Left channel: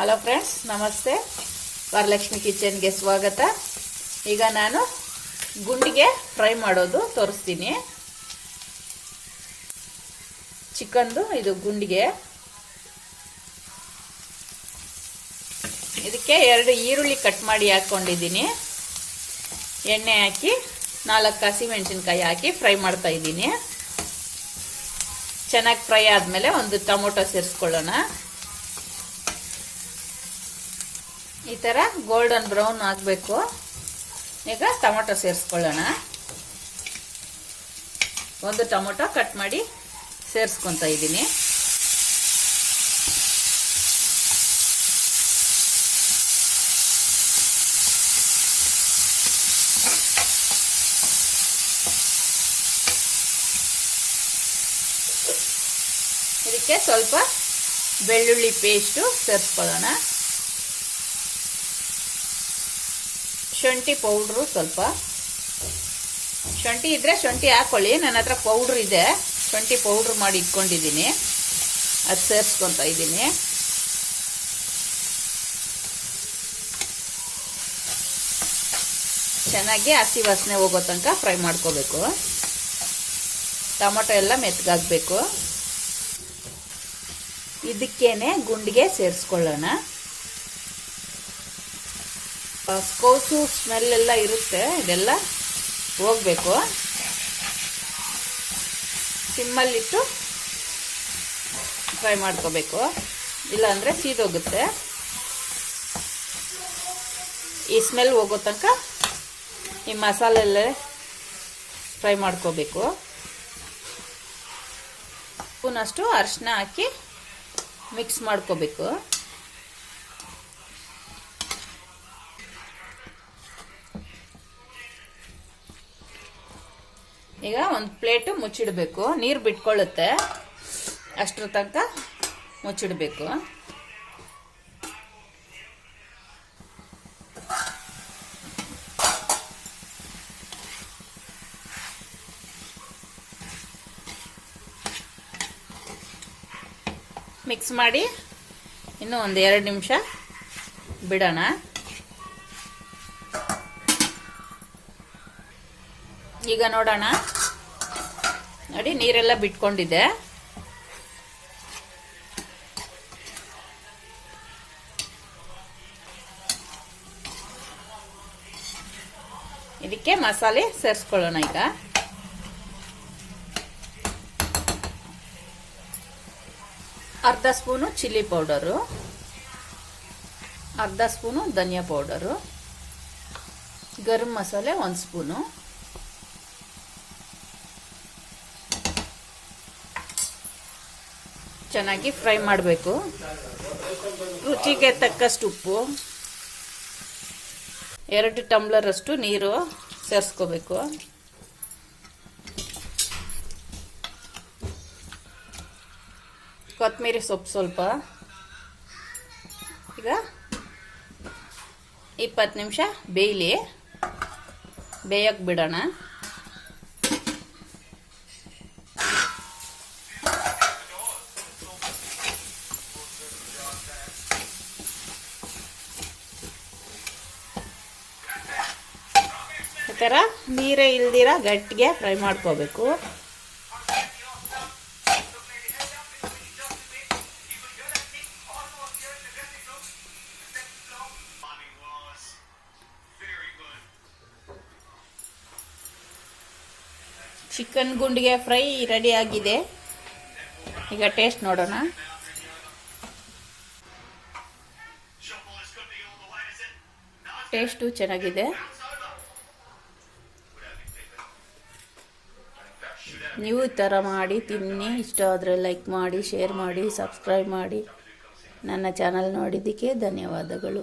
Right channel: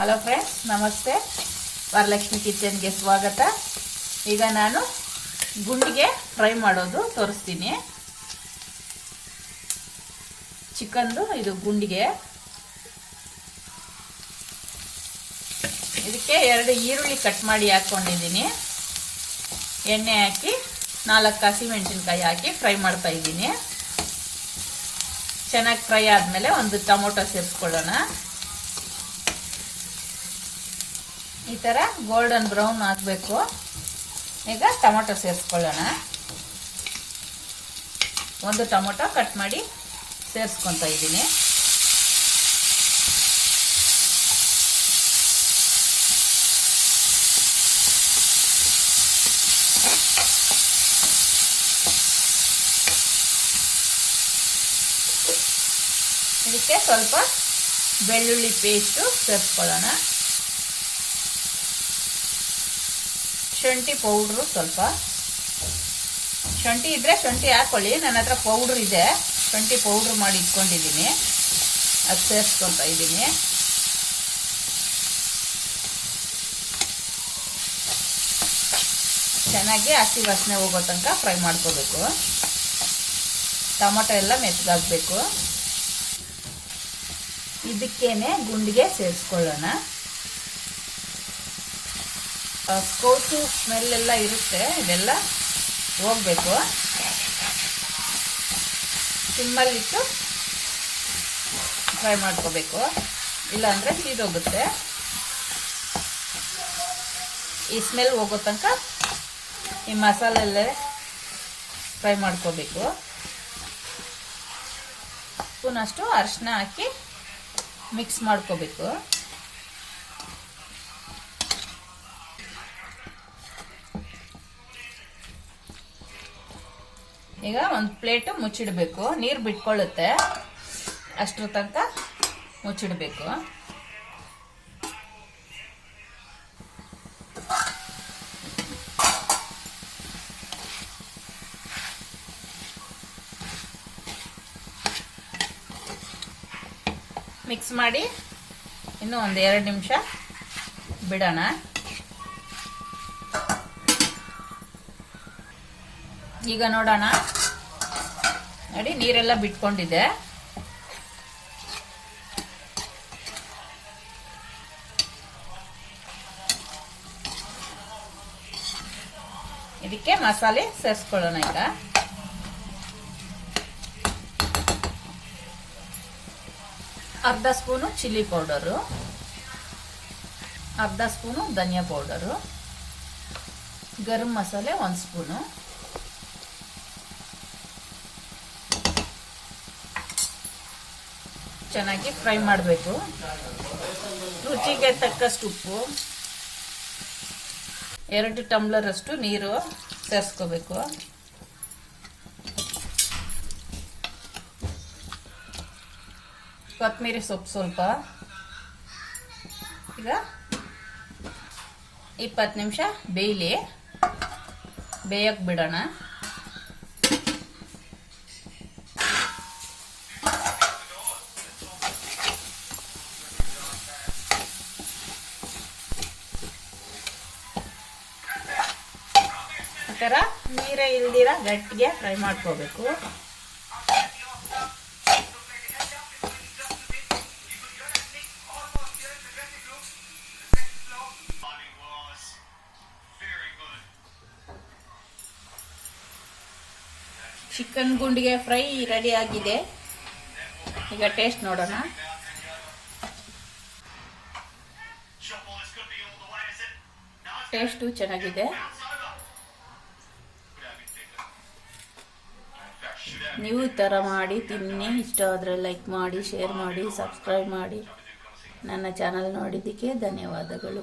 Hello friends, ನಮಸ್ತೆ. ವರಲಕ್ಷ್ಮಿ ಕಿಚನ್ಗೆ ಸ್ವಾಗತ. ಈಗ ನಾನು ಗುಂಡಿಗೆ ಫ್ರೈ ಮಾಡೋದು ತೋರಿಸ್ತೀನಿ. ಚಿಕನ್ದು ಇದು ಗುಂಡಿಗೆ. ಇದಕ್ಕೆ 2 ಈರುಳ್ಳಿ ಕಟ್ ಮಾಡಿ ಹಾಕೊಂಡಿದ್ದೀನಿ. ಎಣ್ಣೆ ಹಾಕಿ 4 ಹಸಿಮೆಣಸಿನಕಾಯಿ ಹಾಕಿ ಫ್ರೈ ಮಾಡ್ತಾ ಇದ್ದೀನಿ. ಚೆನ್ನಾಗಿ ಫ್ರೈ ಆದಮೇಲೆ ಒಂದು ಟೊಮೊಟೊ ಸೇರಿಸ್ಕೊಳ್ಳೋಣ. ಈ ಥರ ಗೋಲ್ಡನ್ ಬ್ರೌನ್ ಆಗಬೇಕು. ಈಗ ಟೊಮೊಟೊ ಸೇರಿಸ್ಕೊಳ್ಳೋಣ. ಒಂದು ಟೊಮೊಟೊ ಕಟ್ ಮಾಡಿ ಸೇರಿಸ್ಕೊತಾ ಇದ್ದೀನಿ. ಇದಕ್ಕೆ ಸ್ವಲ್ಪ ಬೆಳ್ಳುಳ್ಳಿ ಪೇಸ್ಟು ಸೇರಿಸ್ಕೊಳ್ಳೋಣ. ಶುಂಠಿ ಪೌಡ್ರು ಸ್ವಲ್ಪ. ಶುಂಠಿ ಇದ್ರೆ ಶುಂಠಿ ಹಾಕೊಳ್ಳಿ. ನನ್ನ ಹತ್ರ ಪೌಡ್ರ್ ಇದೆ, ಶುಂಠಿ ಪೌಡ್ರ್ ಮಾಡಿ ಇಟ್ಕೊಂಡಿದ್ದೀನಿ. ಅದು ಸೇರಿಸ್ಕೊತಾ ಇದ್ದೀನಿ. ಚೆನ್ನಾಗಿ ಹಸಿ ವಾಸನೆ ಹೋಗೋ ತನಕ ಫ್ರೈ ಮಾಡ್ಕೋಬೇಕು. ಟೊಮೊಟೊ ಎಲ್ಲ ಮೆತ್ತಗಾಗಬೇಕು. ಇದಕ್ಕೇನೆ ಗುಂಡಿಗೆ ಸೇರಿಸ್ಕೊಳ್ಳೋಣ. ಕೋಸು ಸ್ಮೆಲ್ ಎಲ್ಲ ಇರುತ್ತೆ, ಇದೆಲ್ಲ ಹೋಗ್ಬೇಕು. ಸಿಮ್ಮಲ್ಲಿಟ್ಟು ಫ್ರೈ ಮಾಡ್ಕೋಬೇಕು, ಇಲ್ಲಾಂದರೆ ಸೀದೋಗುತ್ತೆ. ಈ ಸ್ಮೆಲ್ ಹೋಗೋ ತನಕ ಈ ಮಸಾಲೆಲ್ಲೇ ಫ್ರೈ ಮಾಡ್ಕೋಬೇಕು. ಸ್ಪೂನಷ್ಟು ಅರಿಶಿನ ಹಾಕಿ ಮಿಕ್ಸ್ ಮಾಡ್ಕೋಬೇಕು. ಈಗ ಒಂದು ಪ್ಲೇಟು ಮುಚ್ಚಿಡಬೇಕು. ನೀರು ಬಿಟ್ಕೊಳ್ಳುತ್ತೆ, ಅಷ್ಟರ ತನಕ ಮುಚ್ಚಿಡಬೇಕು. ಮಿಕ್ಸ್ ಮಾಡಿ ಇನ್ನು ಒಂದು 2 ನಿಮಿಷ ಬಿಡೋಣ. ಈಗ ನೋಡೋಣ, ನೋಡಿ ನೀರೆಲ್ಲ ಬಿಟ್ಕೊಂಡಿದೆ. ಇದಕ್ಕೆ ಮಸಾಲೆ ಸೇರಿಸ್ಕೊಳ್ಳೋಣ. ಈಗ ಅರ್ಧ ಸ್ಪೂನು ಚಿಲ್ಲಿ ಪೌಡರು, ಅರ್ಧ ಸ್ಪೂನು ಧನಿಯಾ ಪೌಡರು, ಗರಂ ಮಸಾಲೆ 1 ಸ್ಪೂನು, ಚೆನ್ನಾಗಿ ಫ್ರೈ ಮಾಡಬೇಕು. ರುಚಿಗೆ ತಕ್ಕಷ್ಟು ಉಪ್ಪು, 2 ಟಂಬ್ಲರ್ ಅಷ್ಟು ನೀರು ಸೇರಿಸ್ಕೋಬೇಕು. ಕೊತ್ತಂಬರಿ ಸೊಪ್ಪು ಸ್ವಲ್ಪ. ಈಗ 20 ನಿಮಿಷ ಬೇಯಕ್ಕೆ ಬಿಡೋಣ. ಈ ಥರ ನೀರೇ ಇಲ್ದಿರ ಗಟ್ಟಿಗೆ ಫ್ರೈ ಮಾಡ್ಕೋಬೇಕು. ಚಿಕನ್ ಗುಂಡಿಗೆ ಫ್ರೈ ರೆಡಿ ಆಗಿದೆ. ಈಗ ಟೇಸ್ಟ್ ನೋಡೋಣ. ಟೇಸ್ಟು ಚೆನ್ನಾಗಿದೆ. ನೀವು ಈ ಥರ ಮಾಡಿ ತಿನ್ನಿ. ಇಷ್ಟ ಆದರೆ ಲೈಕ್ ಮಾಡಿ, ಶೇರ್ ಮಾಡಿ, ಸಬ್ಸ್ಕ್ರೈಬ್ ಮಾಡಿ. ನನ್ನ ಚಾನಲ್ ನೋಡಿದ್ದಕ್ಕೆ ಧನ್ಯವಾದಗಳು.